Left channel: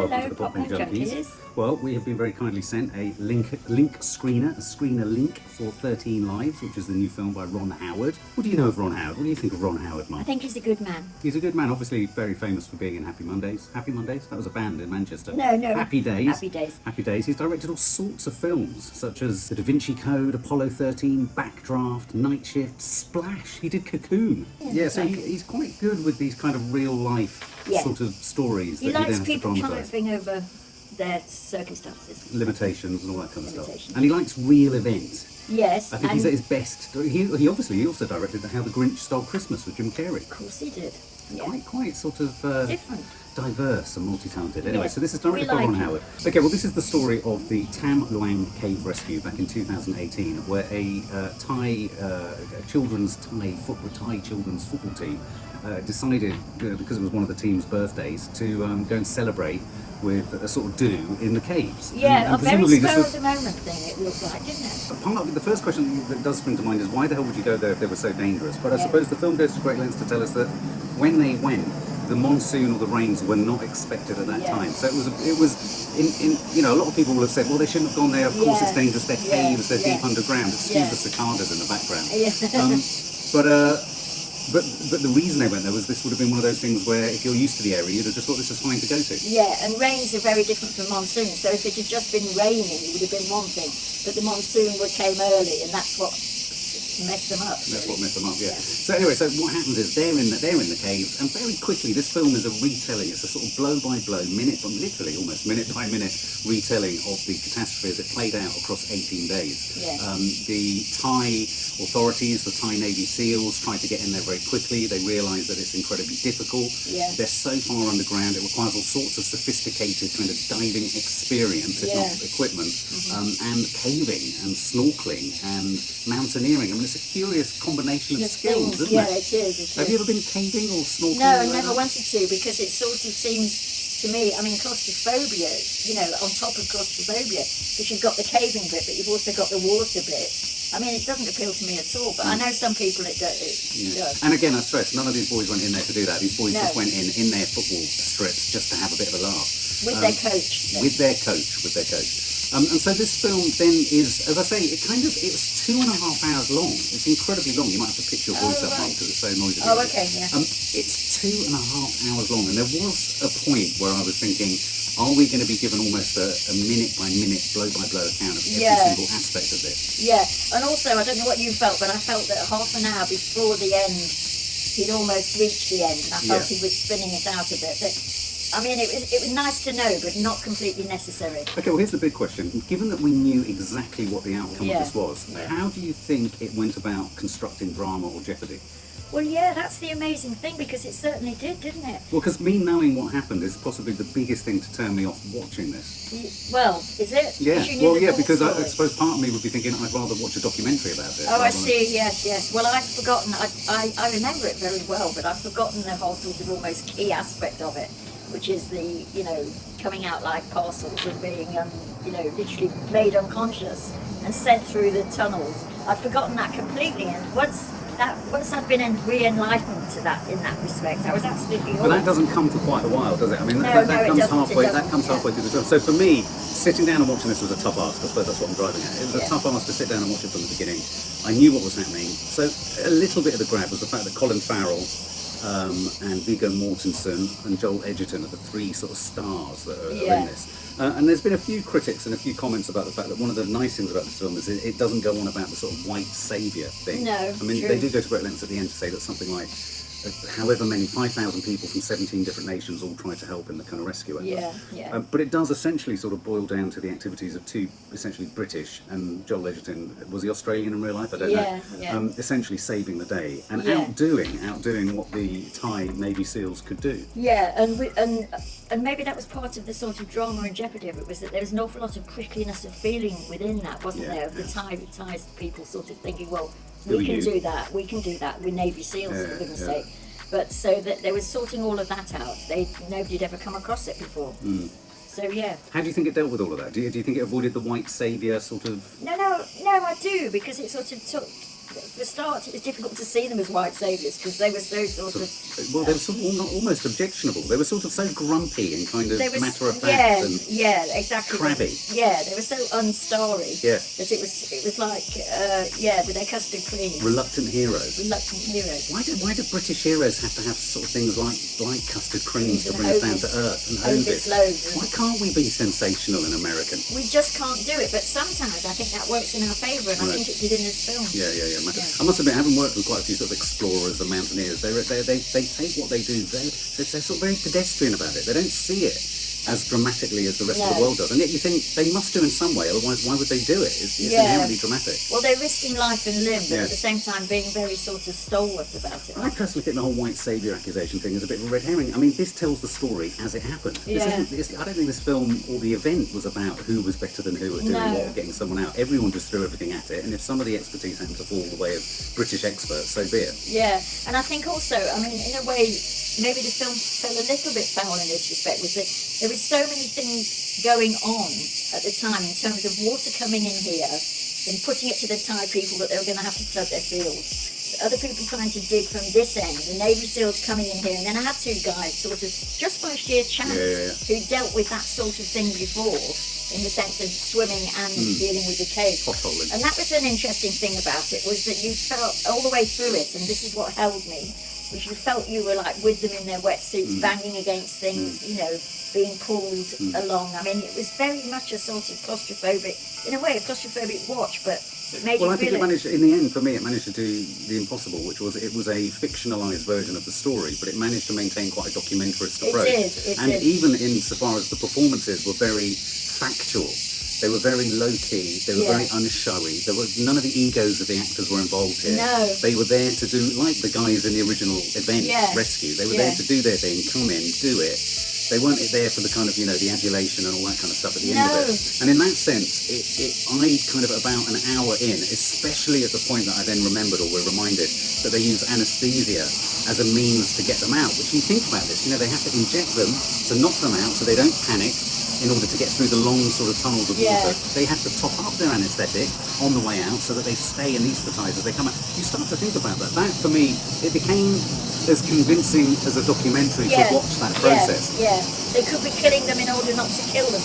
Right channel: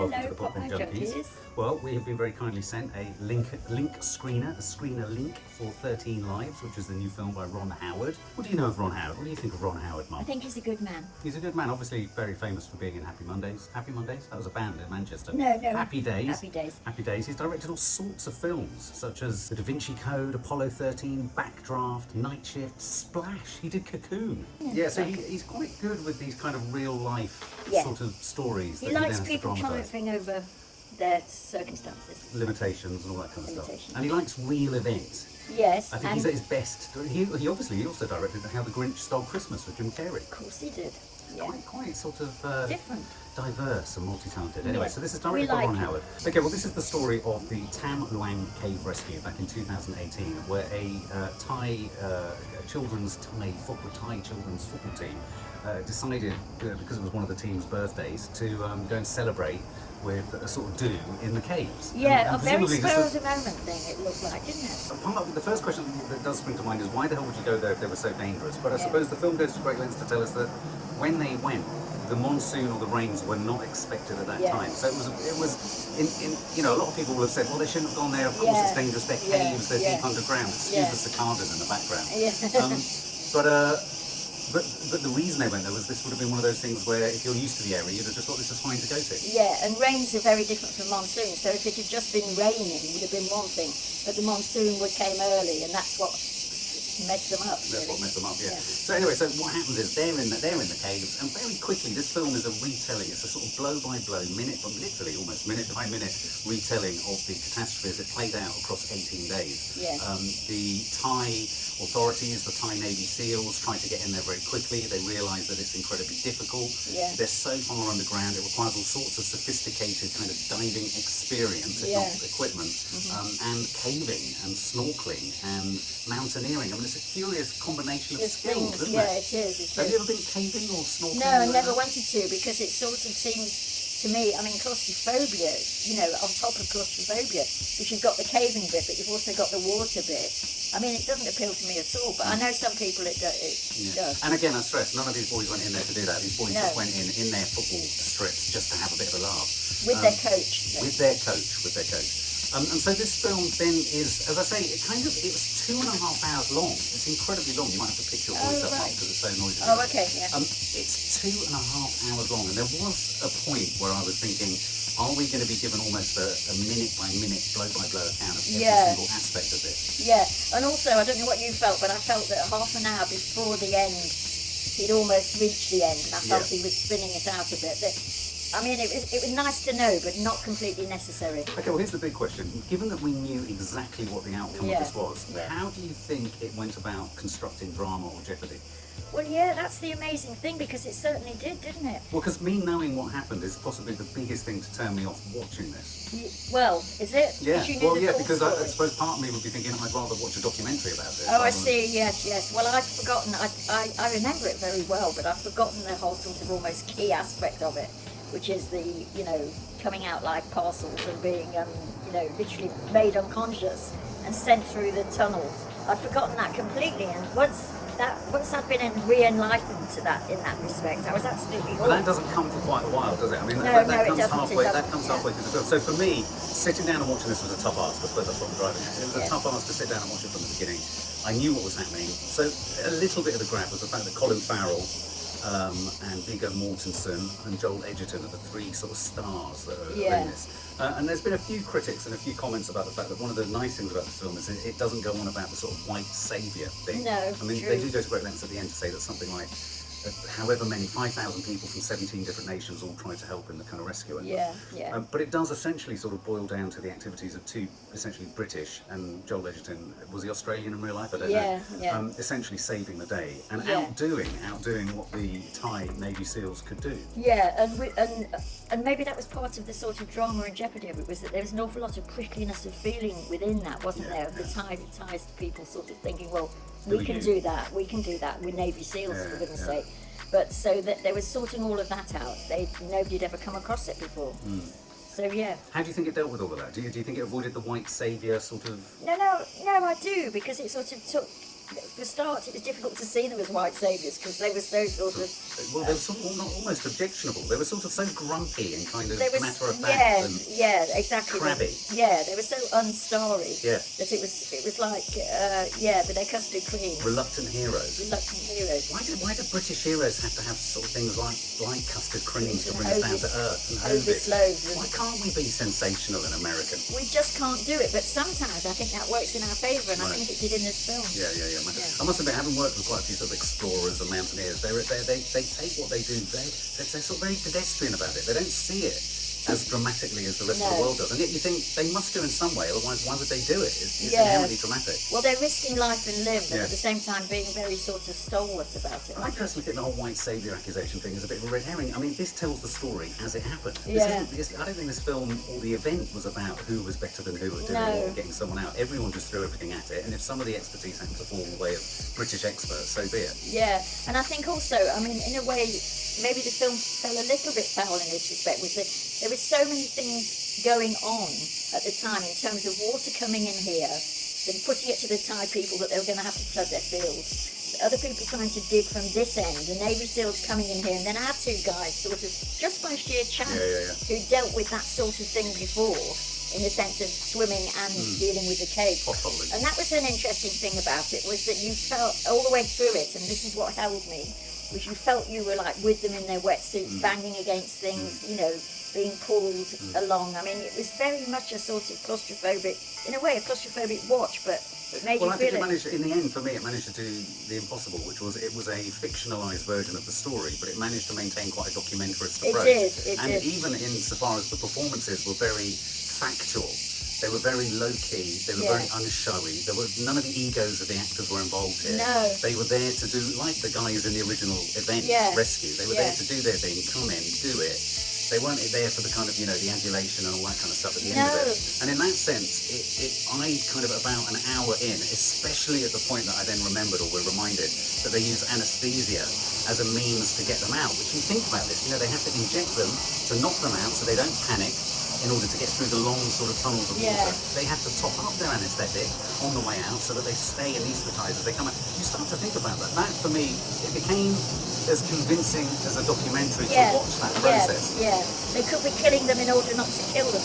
and welcome to the Popcorn Junkies. Well, we have been very kindly sent a link screener, a screener link for 13 Lives, which is the new film by Ron Howard. What do you know of Ron Howard? What do you think of Ron Howard, Mark? I think he's a good man. He's a good man, obviously very famous for being in Happy Mondays. Happy Mondays? That was a band in Manchester. No. Happy Days. Happy Days. Happy Days. He's directed all sorts of films, such as The Da Vinci Code, Apollo 13, Backdraft, Night Shift, Splash. He did Cocoon. Yeah, so he's quite good with these kind of real-life sort of stories. He likes people triumphing over their circumstances. Limitations and all that kind of stuff. And he likes real events. Yes. I think he's at his best. He also directed How the Grinch Stole Christmas with Jim Carrey. Of course he did. Quite sort of different, diverse and multi-talented. Anyway, so this is directed by Ron Howard. Okay, well this is the story of the Tham Luang cave rescue back in 2018, where a Thai children's football team decided, because it was one of the team's birthdays, to go and celebrate with a sort of do in the caves. Yeah, a very spur of the moment thing it looked like, didn't it? Part of the first question that does spring to mind is why the hell would you go there if they were so dangerous? But I suppose the film goes to great lengths to tell us that when they went, the monsoon or the rains were not expected at that time. So it was in a lot of people will have said, well, they shouldn't have gone there. Of course, it's dangerous. They're caves. They're deep underground. Excuse the cicadas in the background. But the reason they went there was this would have been one of those things where if you're used to the area, you'd have just thought this is fine to go to. Yeah, and rains are very different from monsoons. So if it had just been raining, it would have been one thing. But the monsoon came early, and that's what messed them up. That's what messed them up, yeah. So anyway, so what happens is they're in the caves, and very quickly this film is a retelling. It's a sort of blow by blow, literally almost minute by minute retelling of the catastrophe as it played out across 18 days. Yeah. The Thai authorities, the Thai Navy SEALs, tried to get in there very quickly. They realised that it's incredibly difficult. Yeah. They're so far underground, it requires all sorts of sophisticated kind of diving experience, if not equipment, and caving and snorkeling and mountaineering. I mean, it's a curious combination of skills, isn't it? Yeah, it is. Have you ever been caving or snorkeling? No, I never wanted to, because it sort of seems to me, I mean, claustrophobia, on top of claustrophobia, because you've got the caving bit, but you've also got the water bit. I mean, it doesn't appeal to me at all, but I know some people it does. And again, I stress, none of these boys went in there to do that. These boys just went in their football strips just to have a bit of a laugh. With their coach. With their coach. And so this film then is, as I say, it was 2.5 hours long. It's incredibly long. You might have to pitch your voice up because it's so noisy. Oh, okay, yeah. It's 2.5 hours long, and there was a point where I was thinking, are we going to be given almost a minute-by-minute, blow-by-blow account of every single aspect of this? Yeah, and also, I don't know what you felt, but I felt that half an hour before the end, he'd almost reached the end, and I felt he was spinning it out a bit. But, I mean, it was nice to know, but not completely necessary. Okay, well, here's the big question. Given that we knew exactly what the outcome of this was, how do you think it went about constructing drama or jeopardy? Well, yeah, that's the amazing thing, because it certainly did, didn't it? Well, because me knowing what happened is possibly the biggest thing to turn me off watching this. Well, is it? Yeah, because I suppose part of me would be thinking I'd rather watch a documentary about it. Oh, I see, yes. Well, I've forgotten, I remember it very well, but I've forgotten the whole sort of almost key aspect of it, which is the, coming out like parcels and being, literally made unconscious and sent through the tunnels. I'd forgotten that completely, and once I'd been re-enlightened to that in that respect, I was absolutely But that doesn't come for quite a while, does it? I mean, that comes halfway. That comes halfway through the film. So for me, sitting down and watching this was a tough ask. I suppose that's what I'm driving at. It was a tough ask to sit down and watch it from the beginning. I knew what was happening. So a little bit of the grab was the fact that Colin Farrell and Viggo Mortensen and Joel Edgerton are the three sort of stars that are in this. And there's been a few critics and a few comments about the fact that one of the nice things about this film is it doesn't go on about the sort of white saviour thing. No, I mean, they do go to great lengths at the end to say that something like however many, 5,000 people from 17 different nations all try to help in the kind of rescue effort. But it does essentially sort of boil down to the activities of two essentially British, and Joel Edgerton, was he Australian in real life? I don't know. Essentially saving the day and outdoing what the Thai Navy SEALs could do. Yeah, and maybe that was part of the sort of drama and jeopardy of it, was that there was an awful lot of prickliness of feeling within that, wasn't there? The Thai people sort of thinking, well, we can do that, we're Navy SEALs, for goodness sake. But so that they were sorting all of that out. Nobody'd ever come across it before. So yeah. How do you think it dealt with all of that? Do you think it avoided the white saviour sort of? No, I do, because it sort of took for a start, it was difficult to see them as white saviours because they were so sort of. Well, they were sort of almost objectionable. They were sort of so grumpy and kind of They were, matter of fact and exactly. crabby. They were so unstarry. Yeah. That it was like with their custard creams. Reluctant heroes. Reluctant heroes. Why do British heroes have to have sort of things like custard creams to bring us down to earth and Ovis? Why can't we be sensational and American? We just can't do it, but sometimes I think that works in our favour, and I think it did in this film. Yeah. I must admit, I haven't worked with quite a few sort of explorers and mountaineers. They take what they do. They're sort of very pedestrian about it. They don't see it as dramatically as the rest of the world does. And yet you think they must do in some way, otherwise why would they do it? It's inherently dramatic. Well, they're risking life and limb, but at the same time being very sort of stalwart about it. I personally think the whole white saviour accusation thing is a bit of a red herring. I mean, this tells the story as it happened. I don't think this film or the event was about who was better than who at doing what or getting someone out. Everyone just threw everything at it, and if some of the expertise happened to fall the way of British experts, so be it. Yeah, and I think also, I mean, in a way, maybe the film fell a little bit foul in this respect, was that there were so many things going on at the time in terms of water coming in here and putting it to the Thai people that they were going to have to flood their fields. Other people trying to dig from this end, the Navy SEALs coming in here, and then I had two guys sort of, just by sheer chance, who dealt with that sort of thing before, in the sense of swimming and dealing with the cave. And that was an interesting thing about it, was that you felt all the way through it, and this is what held me, was you felt you were like with them in their wetsuits, banging against things, you know, being pulled along. I mean, it was very much a sort of claustrophobic, in a way, a claustrophobic watch, but it made you feel I think it managed, in the end, for me, it managed to do the impossible, which was, it was a fictionalised version of the story, but it managed to maintain quite a documentarist approach. It did. Even insofar as the performances were very factual. They were very low-key, they were very unshowy, there was none of the egos of the actors were involved here. No. They were there to do, like the guys in the original event, Rescue, they were there to do their thing, come in, do it. They weren't there for the kind of, you know, the adulation and all that kind of stuff at the end of it. And in that sense, I kind of about an hour in, especially at the point that I then remembered or were reminded that they use anaesthesia as a means to get them out, which you think about this, you know, they have to inject them to knock them out so they don't panic in order to get through the long sort of tunnels of water. They have to top up their anaesthetic on the way out so that they stay anaesthetised as they come out. You start to think about that. That, for me, it became as convincing as a documentary to watch that process. They could be killing them in order not to kill them.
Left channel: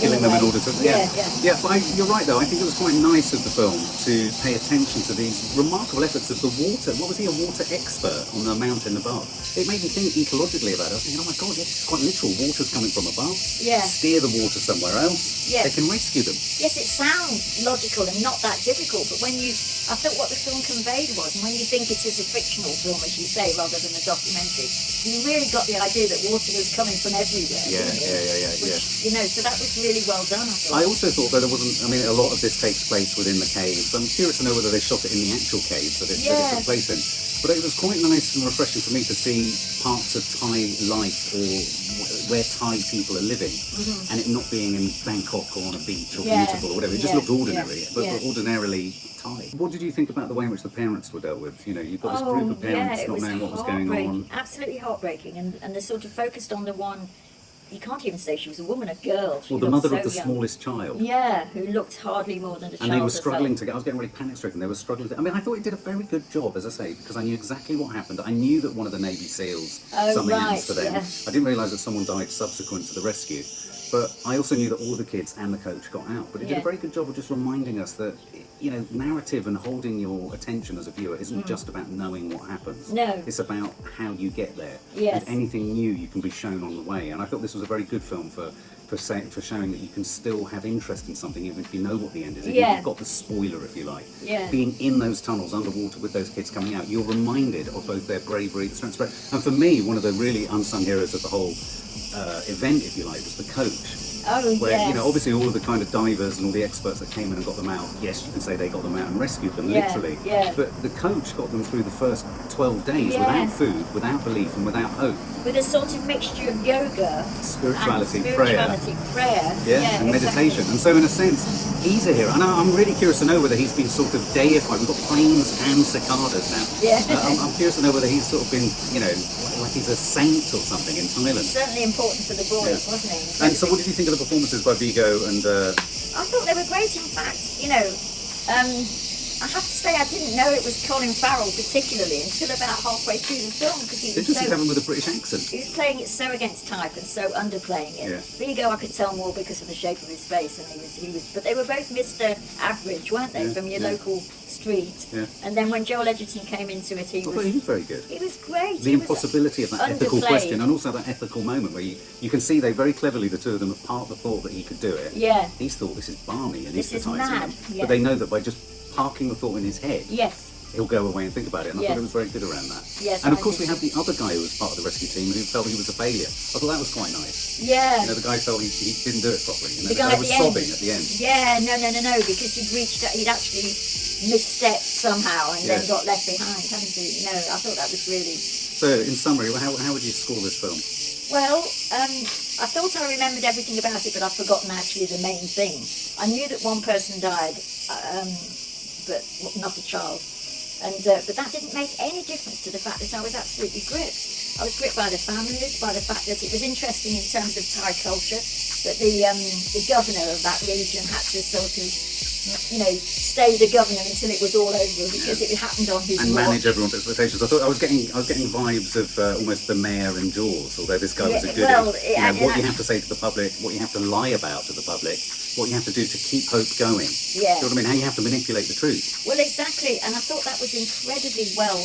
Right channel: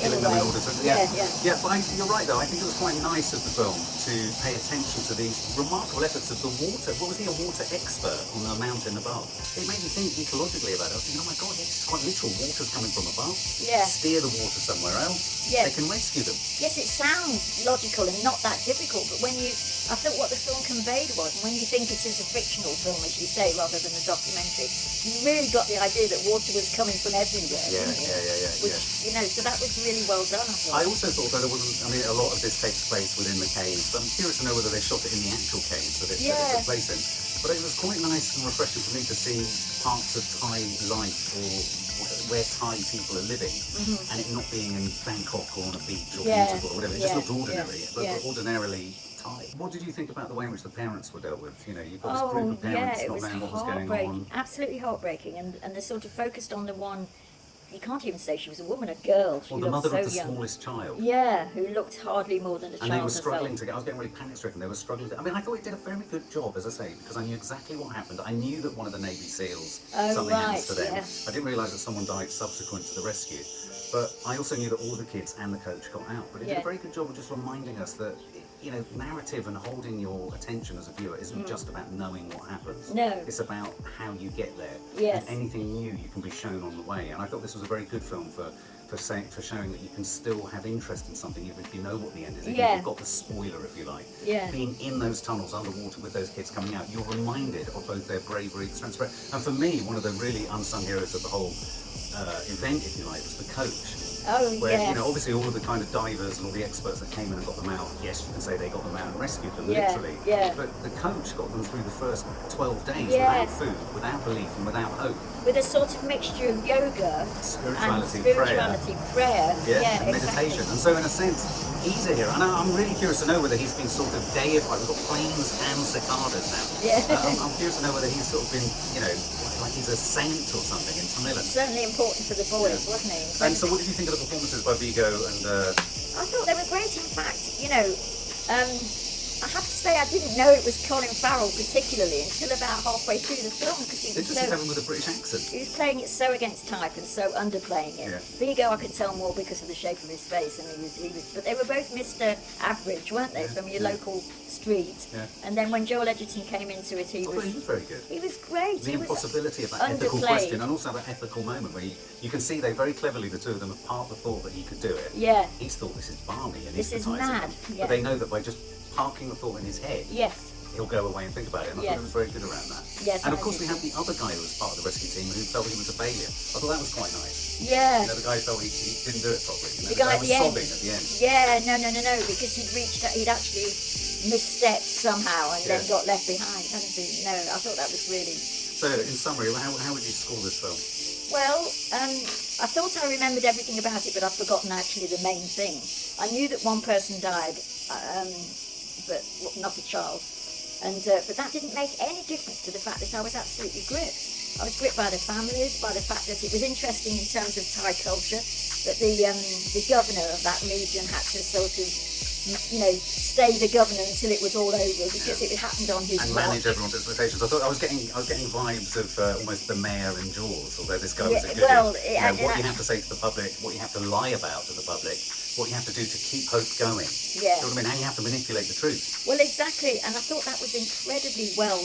Killing them in order to... But you're right, though. I think it was quite nice of the film to pay attention to these remarkable efforts of the water. What was he, a water expert on the mountain above? It made me think ecologically about it. I was thinking, oh my God, it's quite literal. Water's coming from above. Steer the water somewhere else. They can rescue them. Yes, it sounds logical and not that difficult, but when I thought what the film conveyed was, and when you think it is a fictional film, as you say, rather than a documentary, you really got the idea that water was coming from everywhere. You know, so that was really well done, I thought. I also thought that there wasn't, I mean, a lot of this takes place within the caves. I'm curious to know whether they shot it in the actual caves that it took place in. But it was quite nice and refreshing for me to see parts of Thai life or where Thai people are living, and it not being in Bangkok or on a beach or beautiful or whatever. It just looked ordinary, but ordinarily Thai. What did you think about the way in which the parents were dealt with? You know, you've got this group of parents not knowing what was going on. Absolutely heartbreaking, and they sort of focused on the one. You can't even say she was a woman, a girl. Well, the mother of the smallest child. Yeah, who looked hardly more than a child. And they were struggling to get, I was getting really panic-stricken, they were struggling to, I mean, I thought it did a very good job, as I say, because I knew exactly what happened. I knew that one of the Navy SEALs, something happened to them. I didn't realise that someone died subsequent to the rescue. But I also knew that all the kids and the coach got out. But it did a very good job of just reminding us that, you know, narrative and holding your attention as a viewer isn't just about knowing what happens. No. It's about how you get there. Yes. And anything new you can be shown on the way. And I thought this was a very good film for showing that you can still have interest in something even if you know what the end is. Even if you've got the spoiler, if you like. Being in those tunnels underwater with those kids coming out, you're reminded of both their bravery, the strength, and for me, one of the really unsung heroes of the whole event, if you like, was the coach. You know, obviously all of the kind of divers and all the experts that came in and got them out, yes, you can say they got them out and rescued them, literally. But the coach got them through the first 12 days without food, without belief and without hope. With a sort of mixture of yoga, spirituality, prayer, and meditation. And so in a sense, he's a hero. And I'm really curious to know whether he's been sort of deified. We've got planes and cicadas now. I'm curious to know whether he's sort of been, you know, like he's a saint or something in Thailand. Certainly important for the boys, wasn't he? And so what did you think of the performances by Viggo and... I thought they were great, in fact. You know, I have to say I didn't know it was Colin Farrell particularly until about halfway through the film because he They was just so... have him with a British accent. He was playing it so against type and so underplaying it. Yeah. Viggo, I could tell more because of the shape of his face, and he was. But they were both Mr. Average, weren't they, Yeah, from your yeah. local street? Yeah. And then when Joel Edgerton came into it, I thought he was very good. he was great. The He was impossibility of that ethical underplayed. question, and also that ethical moment where you can see they very cleverly, the two of them, have part the thought that he could do it. Yeah. He's thought this is balmy and This is hypnotising mad, him. yeah. But they know that by just parking the thought in his head, Yes. he'll go away and think about it. And I thought Yes. it was very good around that. Yes, And of I course, did we had the other guy who was part of the rescue team who felt he was a failure. I thought that was quite nice. Yeah. You know, the guy felt he didn't do it properly. You know, The guy at was the end. sobbing at the end. Yeah, no, because he'd actually misstepped somehow and then Yeah. got left behind, hadn't he? No, I thought that was really... So, in summary, how would you score this film? Well, I thought I remembered everything about it, but I've forgotten actually the main thing. I knew that one person died, but not a child. And but that didn't make any difference to the fact that I was absolutely gripped. I was gripped by the families, by the fact that it was interesting in terms of Thai culture, that the governor of that region had to sort of, stay the governor until it was all over because it happened on his And watch. manage everyone's expectations. I thought I was getting vibes of almost the mayor in Jaws, although this guy was a goodie. Well, what you have to say to the public, what you have to lie about to the public, what you have to do to keep hope going. Yeah. Do you know what I mean? How you have to manipulate the truth. Well, exactly, and I thought that was incredibly well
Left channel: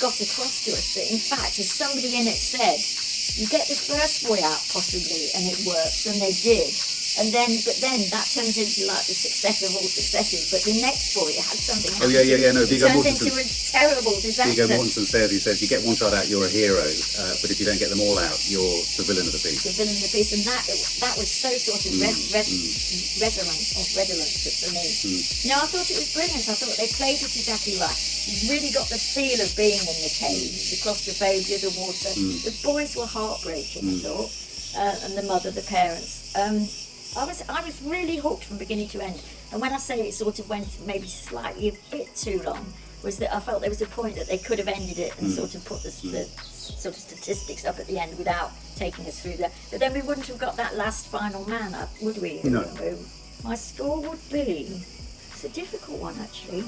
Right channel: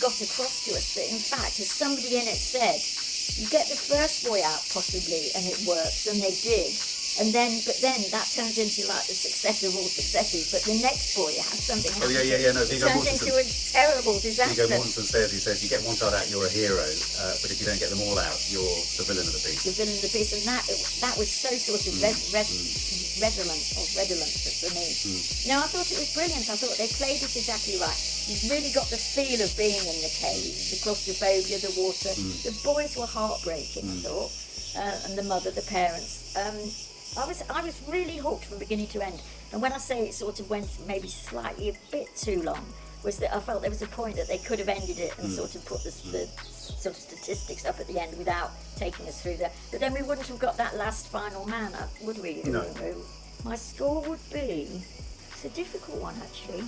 got across to us. That in fact, as somebody in it said, you get the first boy out possibly, and it works, and they did. But then that turns into like the success of all successes. But the next boy had something happen. No, It Viggo turns Mortensen. into a terrible disaster. Viggo Mortensen says, you get one child out, you're a hero, but if you don't get them all out, you're the villain of the piece. The villain of the piece, and that was so sort of redolent for me. No, I thought it was brilliant. I thought they played it exactly right. You really got the feel of being in the cave, the claustrophobia, the water. The boys were heartbreaking, I thought, and the mother, the parents. I was really hooked from beginning to end. And when I say it sort of went maybe slightly a bit too long, was that I felt there was a point that they could have ended it and sort of put the sort of statistics up at the end without taking us through there. But then we wouldn't have got that last final man, would we? No. My score would be, it's a difficult one actually,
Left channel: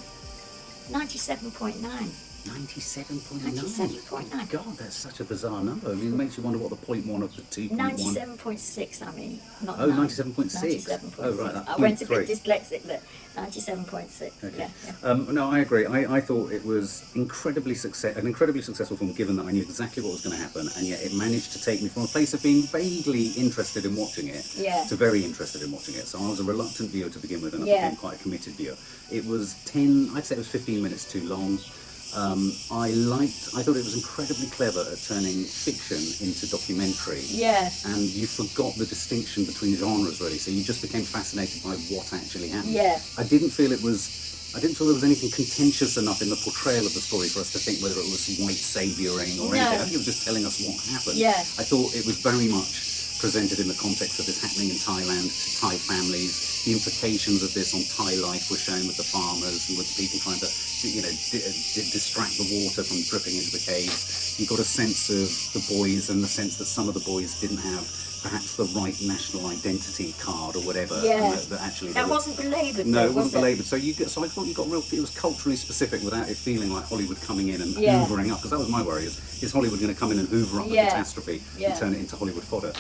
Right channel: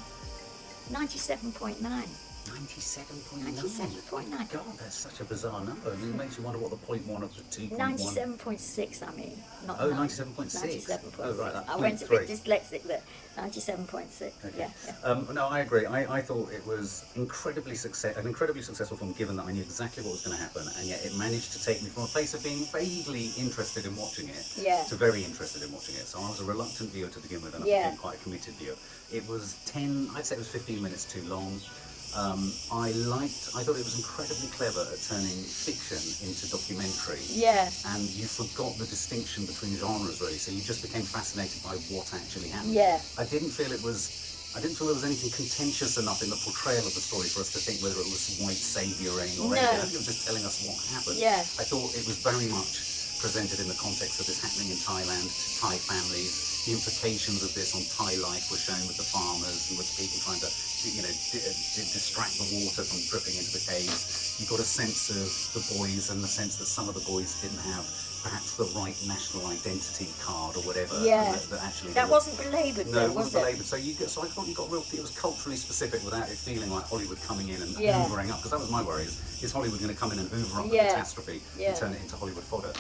97.9. 97.9. 97.9. God, that's such a bizarre number. It makes you wonder what the 0.1 of the 2.1. 97.6, I mean. Not Oh, 9. 97.6. 97.6. Oh, right, that's I went a bit 0.3. dyslexic there. 97.6. Okay. Yeah. No, I agree. I thought it was an incredibly successful film, given that I knew exactly what was going to happen, and yet it managed to take me from a place of being vaguely interested in watching it to very interested in watching it. So I was a reluctant viewer to begin with, and I became quite a committed viewer. It was 15 minutes too long. I thought it was incredibly clever at turning fiction into documentary. Yeah. And you forgot the distinction between genres, really. So you just became fascinated by what actually happened. Yeah. I didn't feel there was anything contentious enough in the portrayal of the story for us to think whether it was white savioring or anything. I think it was just telling us what happened. Yeah. I thought it was very much presented in the context of this happening in Thailand to Thai families. The implications of this on Thai life were shown with the farmers and with people trying to, distract the water from dripping into the caves. You got a sense of the boys and the sense that some of the boys didn't have perhaps the right national identity card or whatever. Yeah. That wasn't belaboured. No, though, it wasn't was it? belaboured. So I thought you got it was culturally specific without it feeling like Hollywood coming in and Yeah. hoovering up, because that was my worry, is Hollywood going to come in and hoover up the catastrophe and turn it into Hollywood fodder.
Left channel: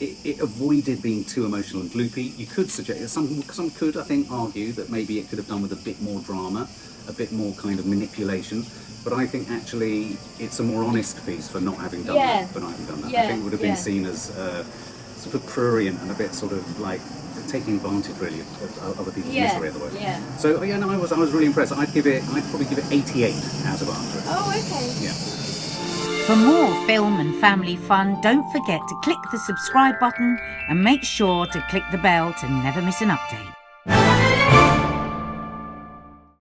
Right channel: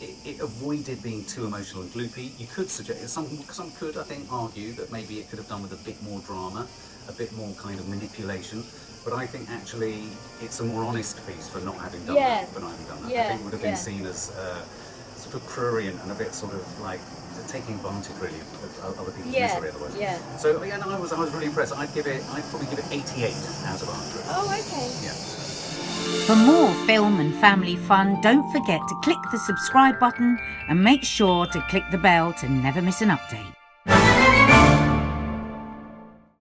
It avoided being too emotional and gloopy. You could suggest, some could, I think, argue that maybe it could have done with a bit more drama, a bit more kind of manipulation. But I think actually it's a more honest piece for not having done that. Yeah. I think it would have been seen as sort of prurient and a bit sort of like taking advantage really of other people's misery otherwise. Yeah. So I was really impressed. I'd probably give it 88 out of 100. Oh, okay. Yeah. For more film and family fun, don't forget to click the subscribe button and make sure to click the bell to never miss an update.